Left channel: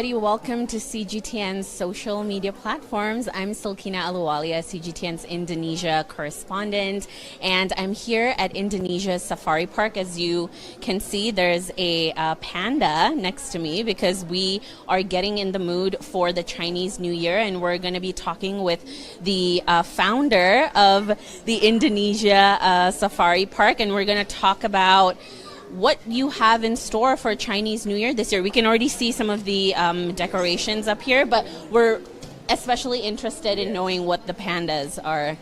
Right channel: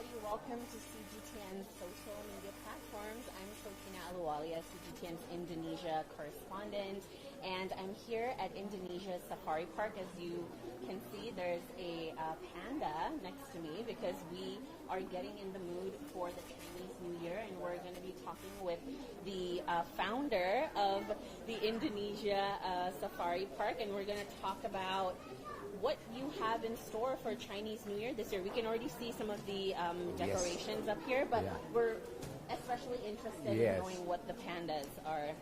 Welcome to CGTN's social media platforms. I'm Silkina Ahluwalia, CGTN's Indonesia correspondent, and I'm here at Indonesia's Safari Park. As you can see, there's a panda next to me because we are getting in the mood for the Chinese New Year, and we're going to be talking with the founder of the Indonesia Safari Park, and we're going to talk about what you have in store for Chinese New Year this year. We can already see some of the decorations up here, but we're especially interested in knowing what the pandas are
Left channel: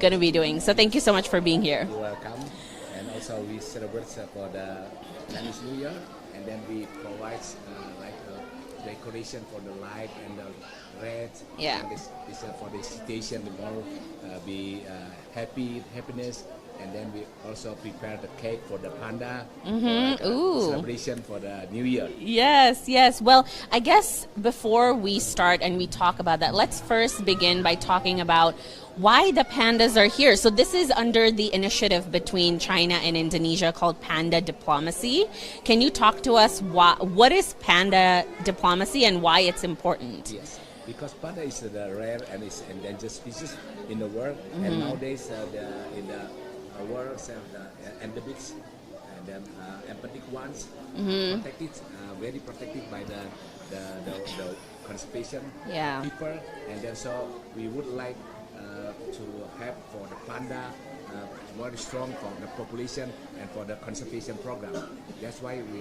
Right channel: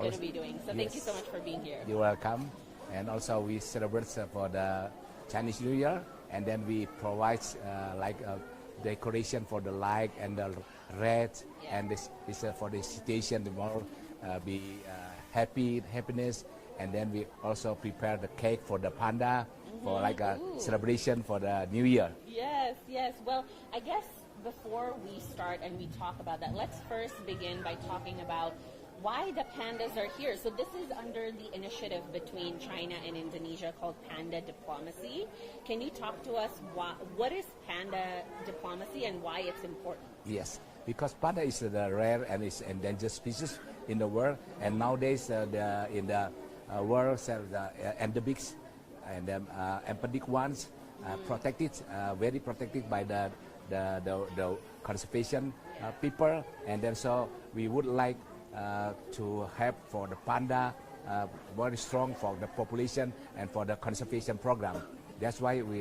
going to be doing. So thank you so much for being here. You're welcome. And also we celebrate for the Chinese New Year, and then we provide like a decoration for the light and the red. Yeah. And this is for the situation, we want to be happiness. And then we also prepare the cake for the panda, for like a celebration for the New Year. Yes. Well, I guess before we start and we talk about that, let's first begin by talking about why the pandas are here. So this is under the initiative between China and Indonesia called Panda Diplomacy. Can you talk to us what is panda diplomacy and why it's important? Yes, because panda is the rare and is endangered species in the world, and nowadays in the world the endemics and then endemic ones protected, very protected by the conservation people, and then so we would like to have for the panda very strong for the population and for the conservation program. That's why we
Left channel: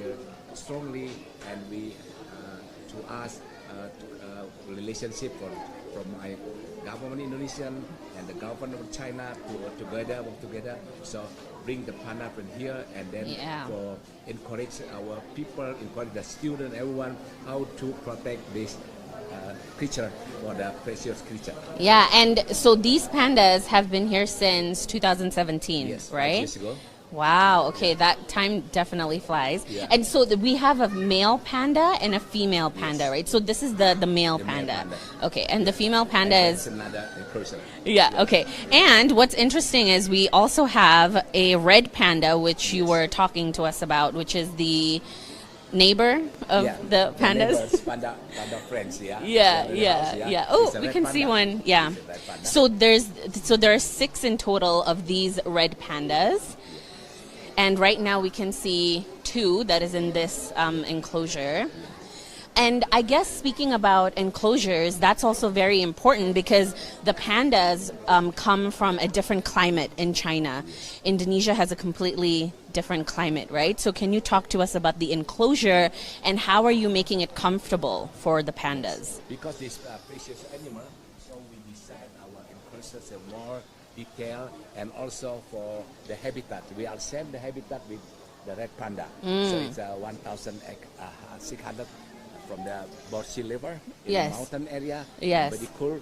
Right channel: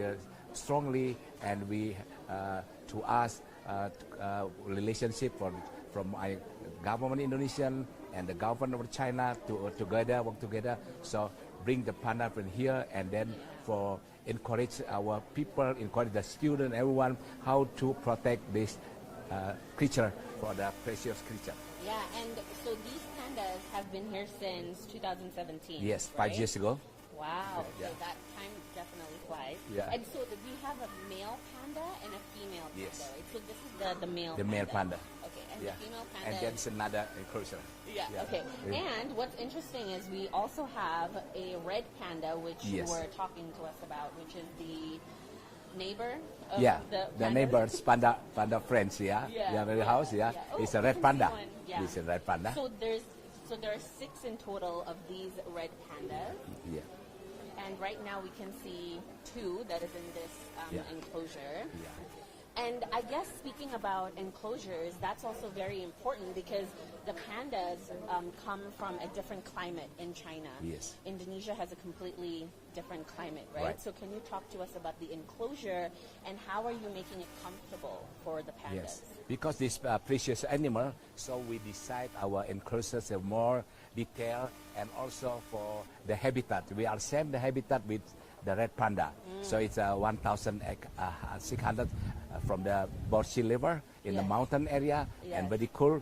strongly and we to us relationship from my government Indonesian and the government of China to work together. So bring the panda from here, and then for encourage our people, encourage the student, everyone how to protect this creature, for the precious creature. Yeah, and so these pandas have been here since 2017, yes, right? 5 years ago. Wow, okay, that time definitely flies. Yeah. And so we have a male panda and a female panda, right? So this is the male panda. Male panda. Okay, and the female panda is another person. Yeah, okay. And what's interesting is we also have a red panda, which you were talking to us about, which is the neighbor of the pandas. The panda friends, Yeah. Oh, we can see one. Yeah. So there are 6 in total of these red pandas. And right now we can see 2 that is in this enclosure. And I guess speaking about enclosures, that's also very important because the pandas come from a different climate in China. Yes. Indonesia has a completely different climate, right? So can you talk to us about the enclosure and how are you making it comfortable for the pandas? Yes. Because this precious animal, so we decide our enclosures are more detailed, and also for the habitat. We are same the habitat with the red panda. So it's 1,600 from the both sea level in the mountain area, very cool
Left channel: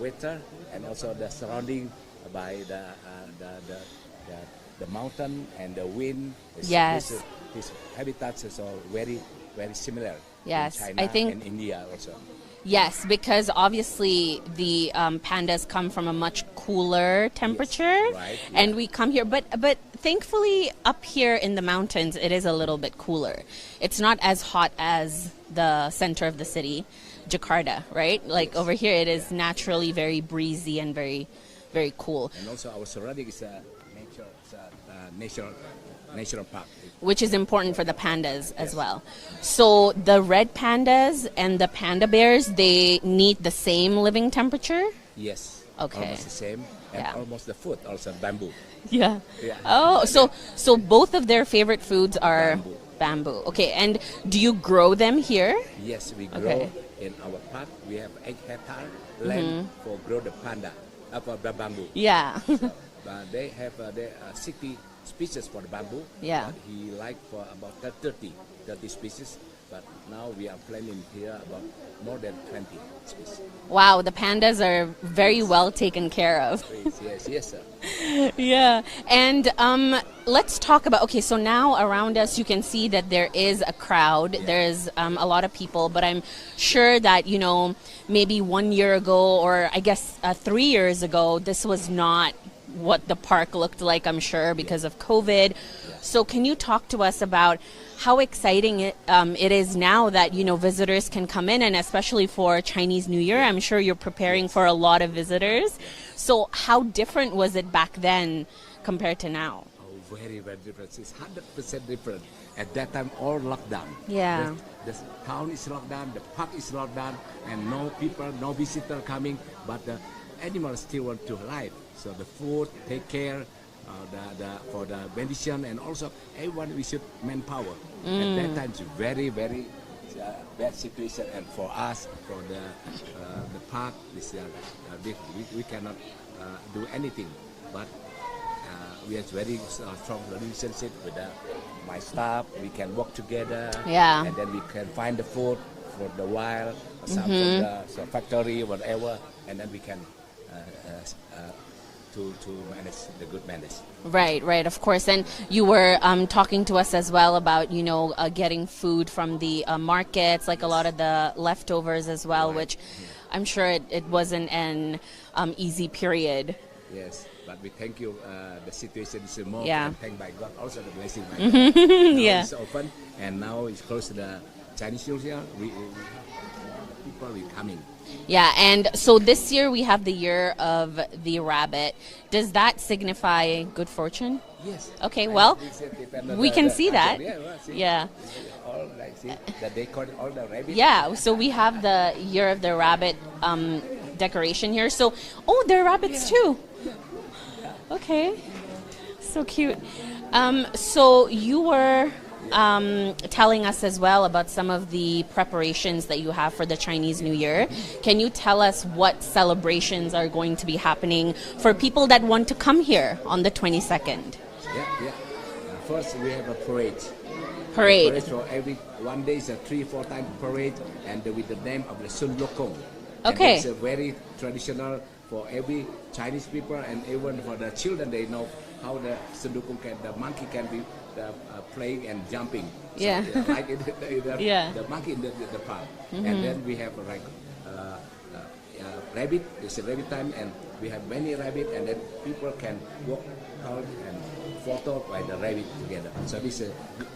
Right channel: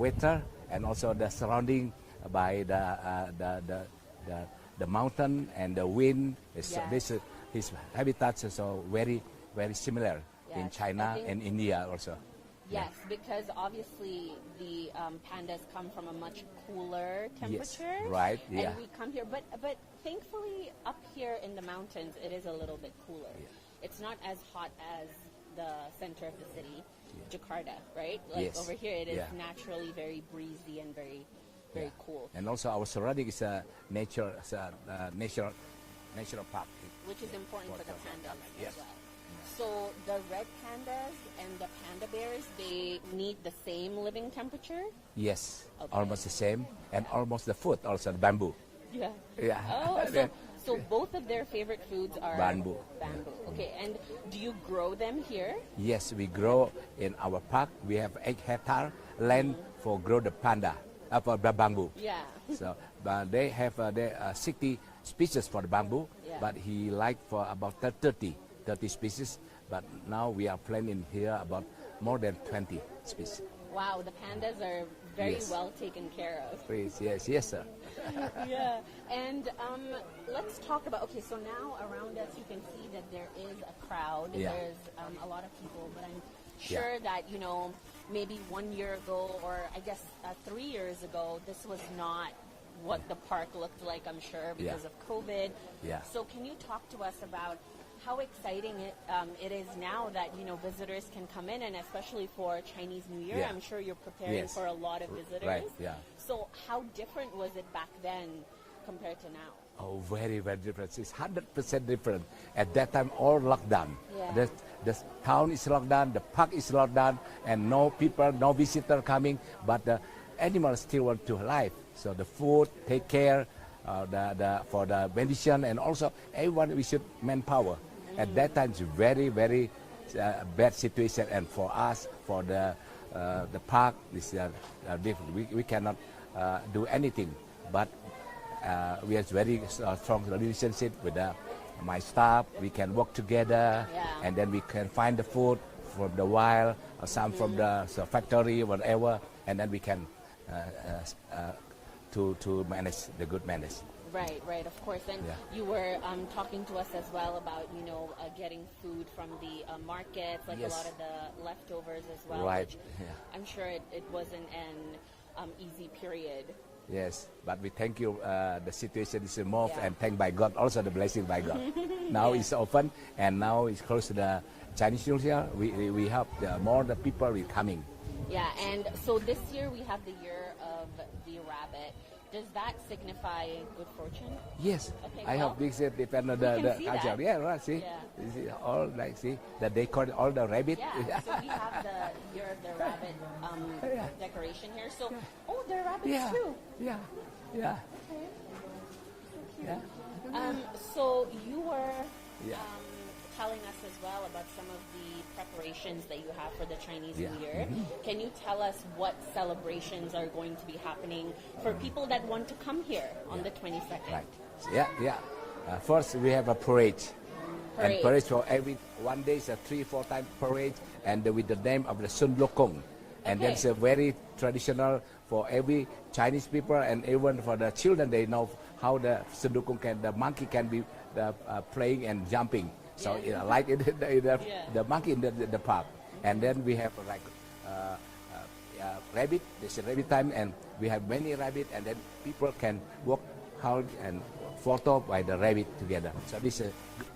weather, and also the surrounding by the mountain and the wind. These habitats are so very similar in China and India also. Yes, because obviously the pandas come from a much cooler temperature, and we come here. But thankfully, up here in the mountains, it is a little bit cooler. It's not as hot as the center of the city, Jakarta, right? Like over here, it is naturally very breezy and very cool. And also our surrounding is a nature park, which is important for the pandas as well. So the red pandas and the panda bears, they need the same living temperature? Yes. Okay. Almost the same, and almost the food also bamboo. Yeah. Oh, so both of their favorite foods are bamboo. Okay, and do you grow them here? Yes, we grow in our park. We have 8 hectare land for grow the panda, for the bamboo. Yeah. So, but they have 60 species for the bamboo, but he like for about 30 species, but now we are planting here about more than 20 species. Wow, the pandas are very well taken care of. Yes, sir. Yeah, and let's talk about, okay, so now around us you can see that there is a crowd, there's a lot of people, but I'm sure that, maybe 1 year ago, or I guess 3 years ago, this was not what the park looked like, I'm sure, because of COVID. So can you talk to us about how exciting it is now that, you know, visitors can come in, and especially for Chinese New Year, I'm sure you're preparing for a lot of visitors. Right, yeah. So how different was it back then compared to now? Oh, very, very different. It's 100% different. At that time, all lockdown. Yeah. The town is locked down, the park is locked down, and no people, no visitor coming, but the animals still want to live. So the food, take care, for the medicine, and also everyone we should manpower. At that time, it's very, very bad situation, and for us, for the park, we cannot do anything. But we have very strong relationship with my staff. We can work together, and then we can find the food from the wild, some from the factory, whatever, and then we can to manage the good manage. Right, of course. And you were talking to us as well about, you know, getting food from the markets, like a lot of the leftovers as well, which I'm sure it wasn't an easy period. Yes, but we thank you. The situation is more, and thank by God, also the blessing by God. Now it's open, and now it's close to the Chinese New Year. We have more the people coming. Yeah, and so this year we have the year of the rabbit. Does that signify good fortune? Yes. Okay, well, we can see that. Yeah, right, see? Yeah. All right, see, they call it all the rabbit. Yeah, so we have the year of the rabbit decoration here. So, oh, there are rabbits too. Yeah. Okay, so cute. So you were telling us as well about some of the preparations that you have for the Chinese New Year. Can you tell us what celebrations are going to be happening for people that want to come here on the 22nd? Yeah. First, we have a parade. Parade for every 1 day, is a 3-4 time parade, and with the name of the Sun Lokong. Okay. It's a very traditional for every Chinese people, and even for the children, they know how the Sun Lokong the monkey can be playing and jumping. So, like the monkey in the park. And then we have like rabbit. It's a rabbit time, and we have many rabbit, and then people can walk out and photo by the rabbit together. So this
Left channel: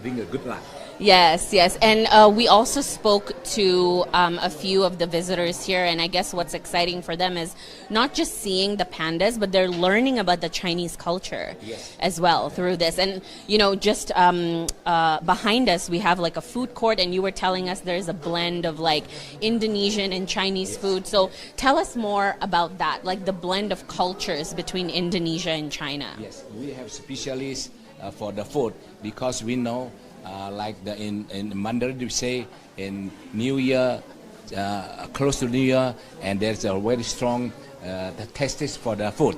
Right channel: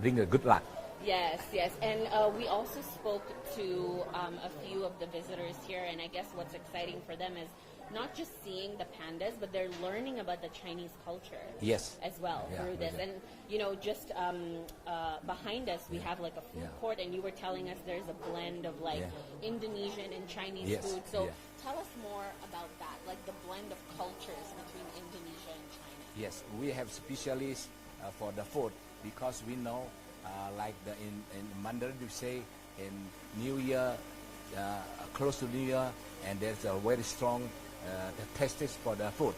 bring a good luck. Yes, and we also spoke to a few of the visitors here, and I guess what's exciting for them is not just seeing the pandas, but they're learning about the Chinese culture as well through this. And, you know, just behind us, we have like a food court, and you were telling us there's a blend of like Indonesian and Chinese food. So tell us more about that, like the blend of cultures between Indonesia and China. Yes, we have specialists for the food, because we know like in Mandarin we say in New Year, close to New Year, and there's a very strong the taste for the food.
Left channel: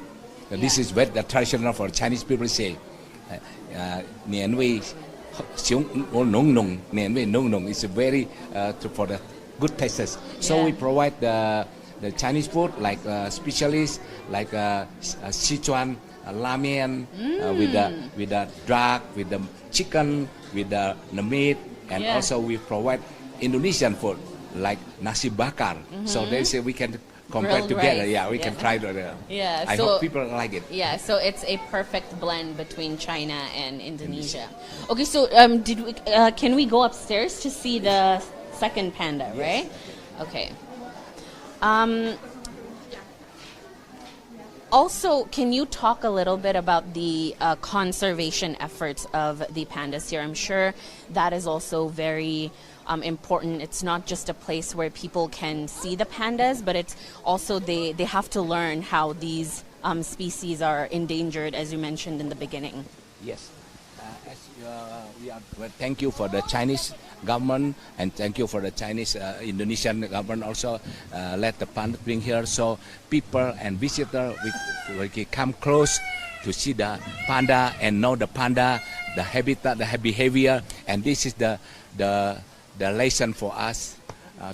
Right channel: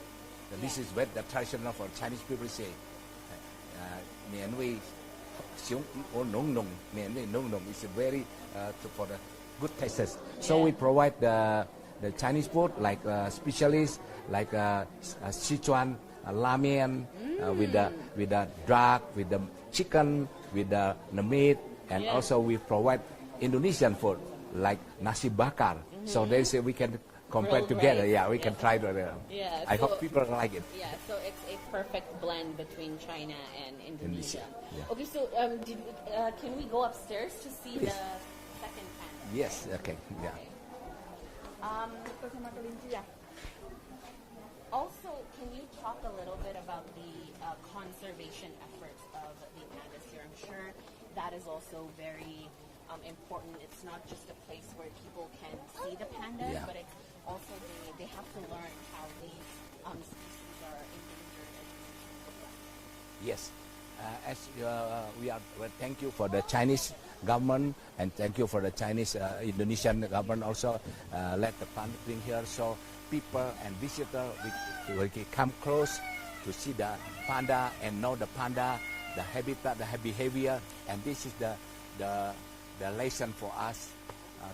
This is what the traditional for Chinese people say. Nian wei xiong nong nong, nian wei nong nong. It's very for the good tastes. So we provide the Chinese food like specialists like Sichuan ramen with the duck, with the chicken, with the meat, and also we provide Indonesian food like nasi bakar. So they say we can compare Grilled together. rice. Yeah, we can try it. I hope people like it. Yeah, so it's a perfect blend between China and Indonesia. Okay, so can we go upstairs to see the second panda, right? Okay. Also, can you talk a little bit about the conservation efforts of the pandas here? I'm sure that is also very important. It's not just a place where people can see the pandas, but it's also they have to learn how these species are endangered, as you mentioned in the beginning. Yes. Thank you for the Chinese government, and thank you for the Chinese Indonesian government also let the panda bring here, so people and visitors we can come close to see the panda and know the panda, the habitat, the behavior, and this is the lesson for us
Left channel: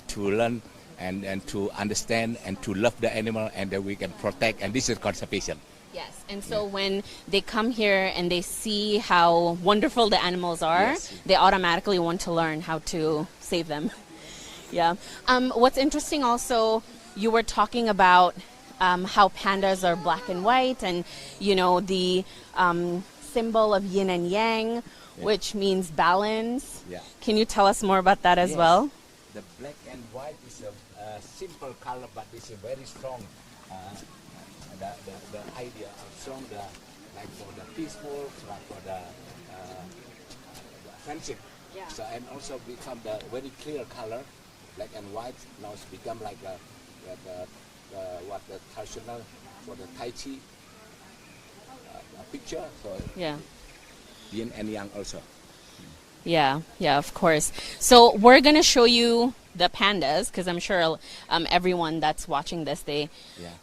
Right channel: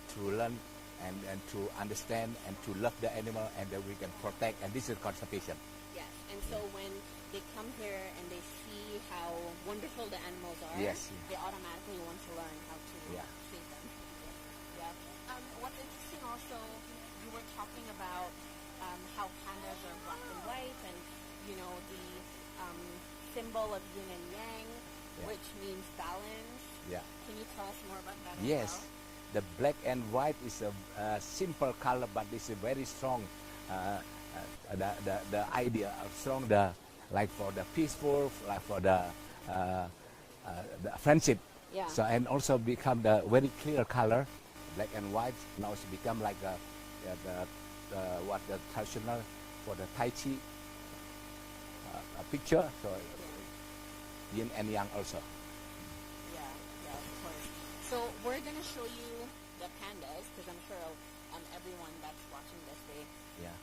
to learn and to understand and to love the animal, and that we can protect, and this is conservation. Yes, and so when they come here and they see how wonderful the animals are, they automatically want to learn how to save them. Yeah. What's interesting also, you were talking about how pandas are black and white, and you know the symbol of yin and yang. which means balance. Yeah. Can you tell us more about that as Yes. well? The black and white is a simple color, but it's a very strong. The idea of strong, like for the peaceful, like for the friendship. Yeah. So and also become the very clear color, black and white. Now it's become like the traditional for the Tai Chi picture. So Yeah. yin and yang also. Yeah, yeah, of course. So we're going to show you the pandas because I'm sure everyone that's watching this, they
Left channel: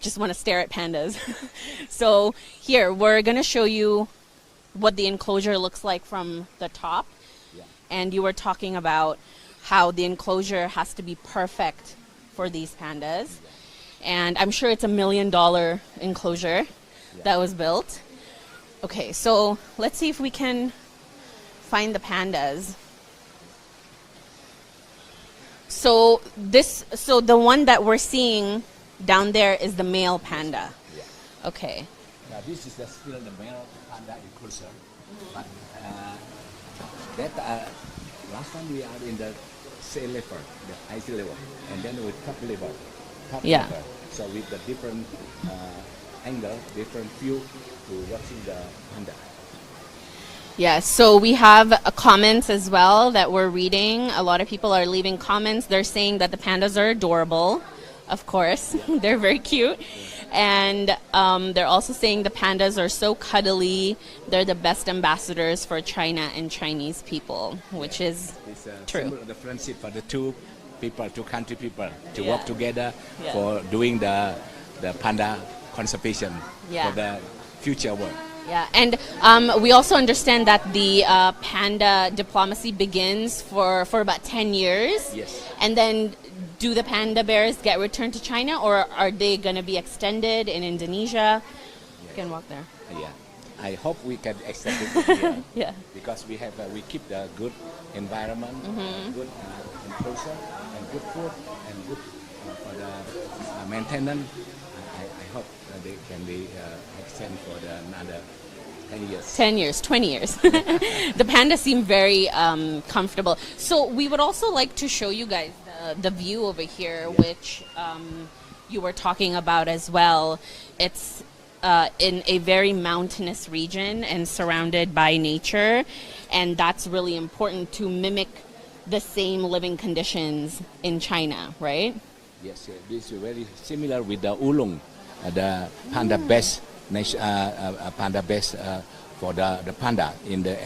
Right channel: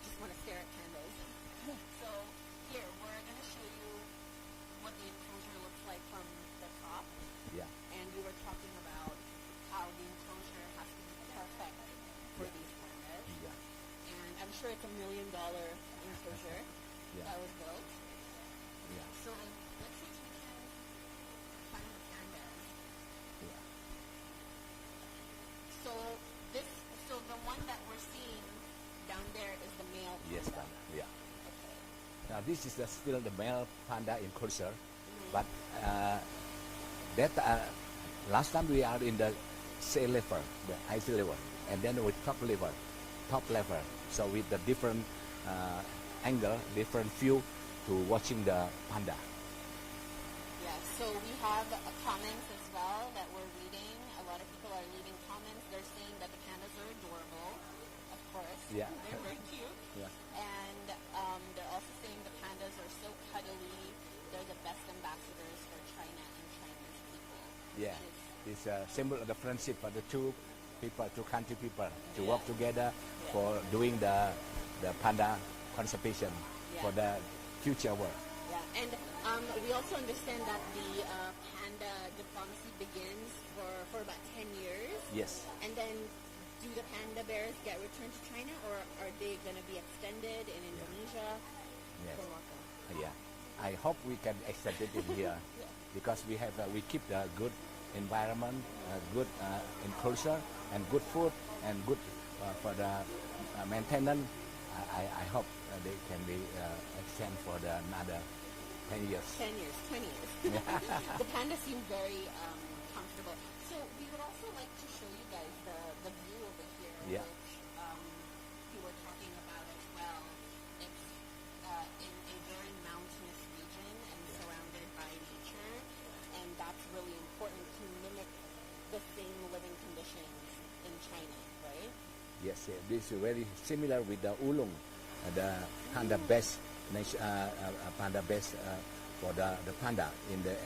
just want to stare at pandas. So here, we're going to show you what the enclosure looks like from the top. Yeah. And you were talking about how the enclosure has to be perfect for these pandas. And I'm sure it's $1 million enclosure that was built. Okay, so let's see if we can find the pandas. So the one that we're seeing down there is the male panda. Yeah. Okay. This is still the male panda enclosure, but last time we are in the sea level, the ice level, and then with top level. Yeah. Level. So with the different angle, different view to watching the panda. Yeah, so we have comments as well that we're reading. A lot of people are leaving comments. They're saying that the pandas are adorable, of course. Yeah. They're very cute. Yeah. And they're also saying the pandas are so cuddly. They're the best ambassadors for China and Chinese people, which is it's true. Symbol of the friendship for the two country people to Yeah. work together Yeah. for doing the panda conservation Yeah. for the future world. Yeah, and we also understand that the panda diplomacy begins for about 10 years. Yes. And then do the panda bears get returned to China, or are they going to be extended in Indonesia? You can walk there. Yeah, I hope we can extend it here. Yeah. Because we keep the good environment, good enclosure, and good food, and good for the maintenance. I hope that they can be extend for another 10 years. 10 years, 20 years. The pandas seem very comfortable. So we would also like to show you guys the view over here, which you were talking about as well. It's in a very mountainous region and surrounded by nature. And that's really important to mimic the same living conditions in China, right? Yes, this is very similar with the ulung, the panda best panda base for the panda in the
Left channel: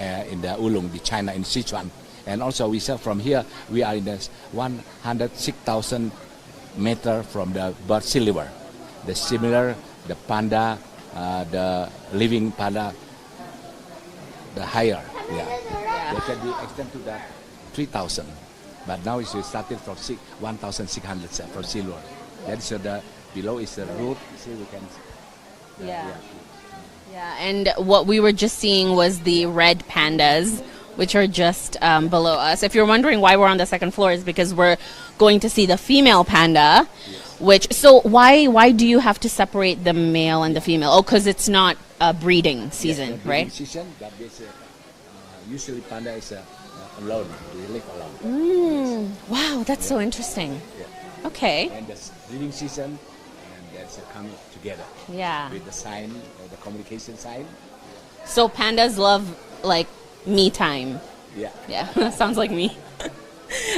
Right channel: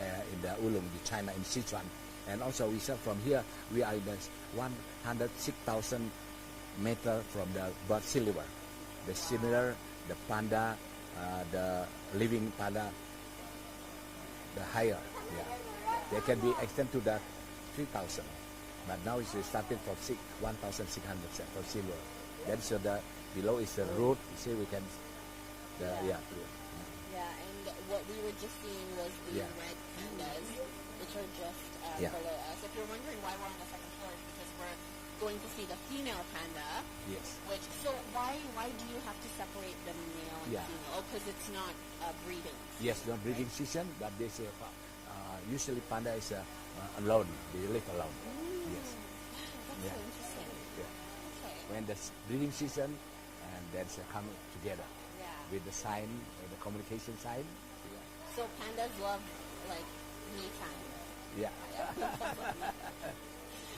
Ulung, the China in Sichuan, and also we saw from here we are in the 106,000 meter from the bird sea level. The similar the panda, the living panda, the higher, they can be extended to that 3,000, but now it's started from 1,600 from sea level. That is the below is the root. See we can. Yeah. Yeah, and what we were just seeing was the red pandas, which are just below us. If you're wondering why we're on the second floor, is because we're going to see the female panda, which, so why do you have to separate the male and the female? Oh, because it's not breeding season, not right? breeding season, but there's usually panda is alone, they live alone. Wow, that's so interesting. Yeah. Okay. And the breeding season, and that's come together. Yeah. With the sign, the communication sign. So pandas love like me time. Yeah. Yeah, sounds like me.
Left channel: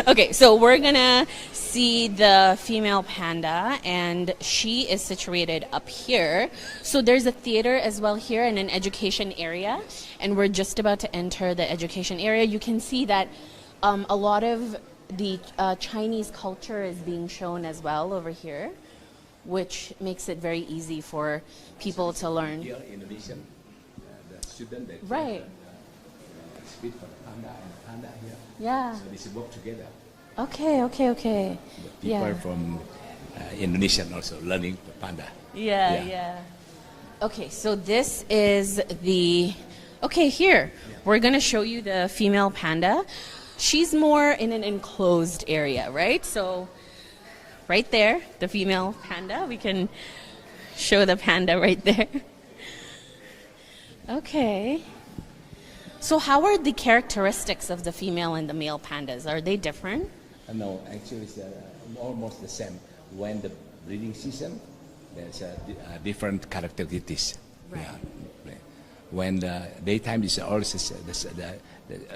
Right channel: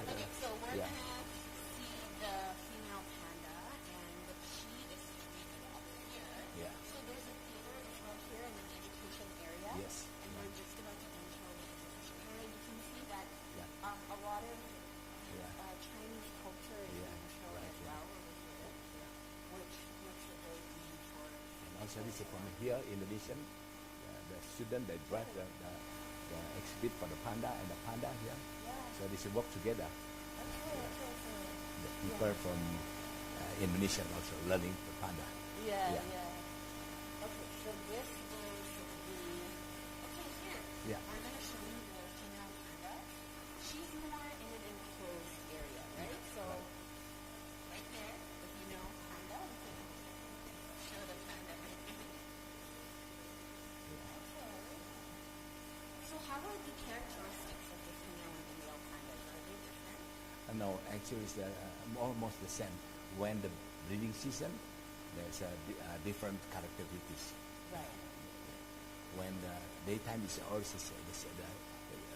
Okay, so we're gonna see the female panda, and she is situated up here. So there's a theater as well here and an education area, and we're just about to enter the education area. You can see that a lot of the Chinese culture is being shown as well over here, which makes it very easy for people to learn. Here in Indonesia, the student they Right. exhibit for the panda and the panda here. Yeah. So they should work together. Okay. People Yeah. from Indonesian also learning the panda. Yeah. Okay, so this is the... Okay, here. Yeah. We're going to show you the female panda. She's more in an enclosed area, right? So right there, the female panda. We can show the panda right there. Okay. So how are the characteristics of the female and the male pandas? Are they different? No, actually it's almost the same. When the breeding season, there's different characteristics. Right. Yeah. When the daytime is also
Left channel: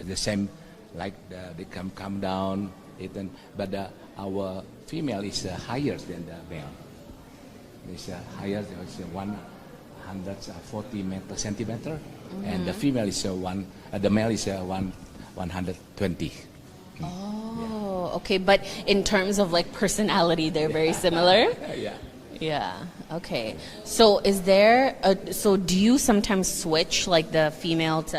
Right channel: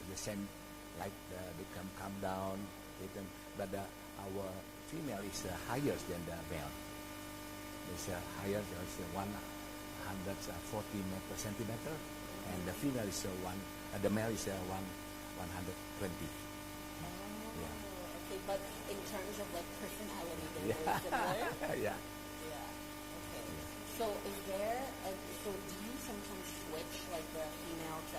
the same, like they come down, but our female is higher than the male. It's higher, it's 140 centimeter, and the female is the male is 120. Oh, okay. But in terms of like personality, they're very similar. Yeah. Yeah. Okay. So is there so do you sometimes switch like the female to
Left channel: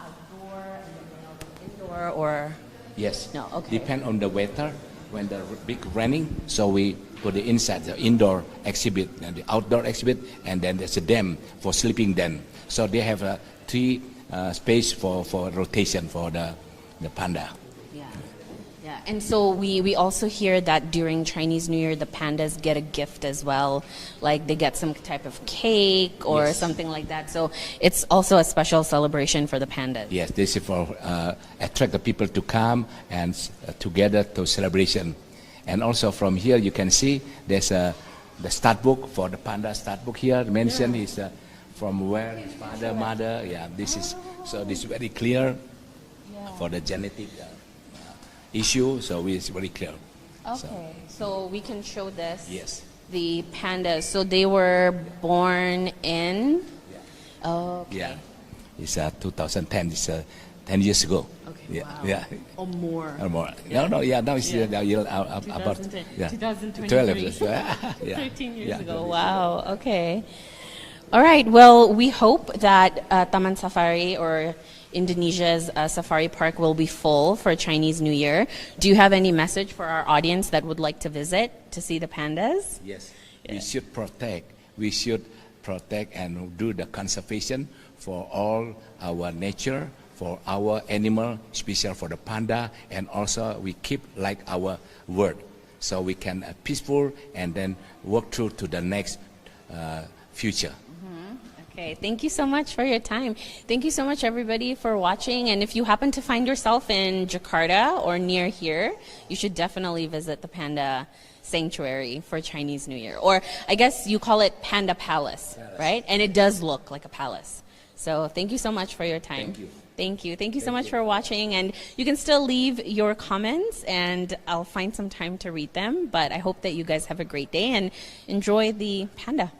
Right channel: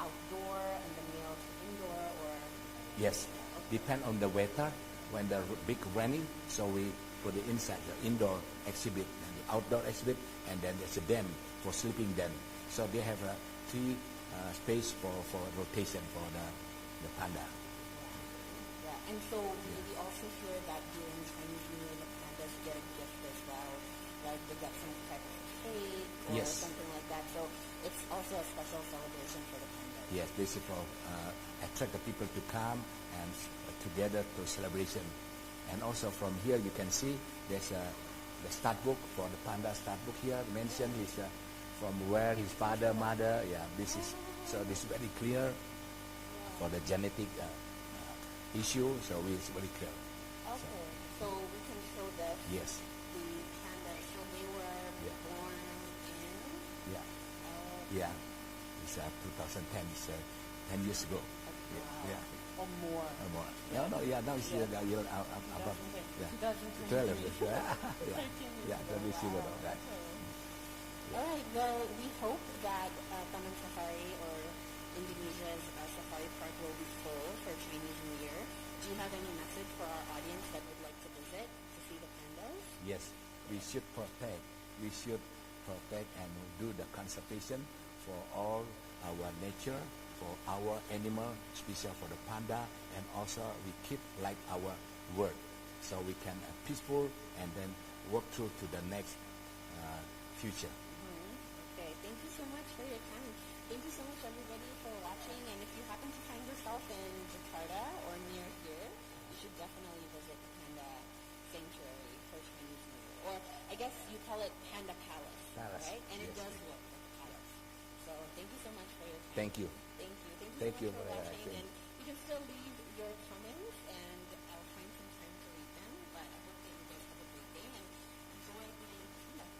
outdoor and the male to indoor, or? Yes. No. Okay. Depend on the weather. When the big raining, so we put the inside the indoor exhibit and the outdoor exhibit, and then there's a dam for sleeping den. So they have three space for rotation for the panda. Yeah. Yeah. And so we also hear that during Chinese New Year the pandas get a gift as well, like they get some type of cake or Yes. something like that. So it's also a special celebration for the pandas. Yes, this is for attract the people to come and together to celebration. And also from here you can see there's the start book for the panda start book here. Mentioned is from where his father, mother. Yeah, this is very clear for the genetic issue. So it's very clear. Okay. So we can show this. Yes. The pandas. So they were born in. Yeah. Oh. Okay. Yeah. It's 2010. It's 10 years ago. Okay. Yeah. Wow. Yeah. Or more. Or more. No. Yeah. Now it's Yeah. about 2023. 12. Yeah. 13 years Yeah, ago. 12 years Wow. Okay. All right. Well, we hope that Taman Safari or Indonesia's safari park will be full for Chinese New Year. Do you have any message for our audience that would like to visit to see the pandas? Yes. We should protect. We should protect and do the conservation for all our nature, for our animal, especially for the panda, and also we keep like our word, so we can peaceful and then work through to the next future. Okay, thank you so much for your time. Thank you so much, everybody, for watching. And if you happen to find yourself in Jakarta or near here, you should definitely visit the Panda Sanctuary for Chinese New Year. Or I guess you call it Panda Palace, right? And it does look like a palace. So thank you so much for your time. Thank you. Thank you. Thank you so much for watching. And you can still leave your comments, and I'll find some time to read them. But I hope that you guys have a great day and enjoy the panda.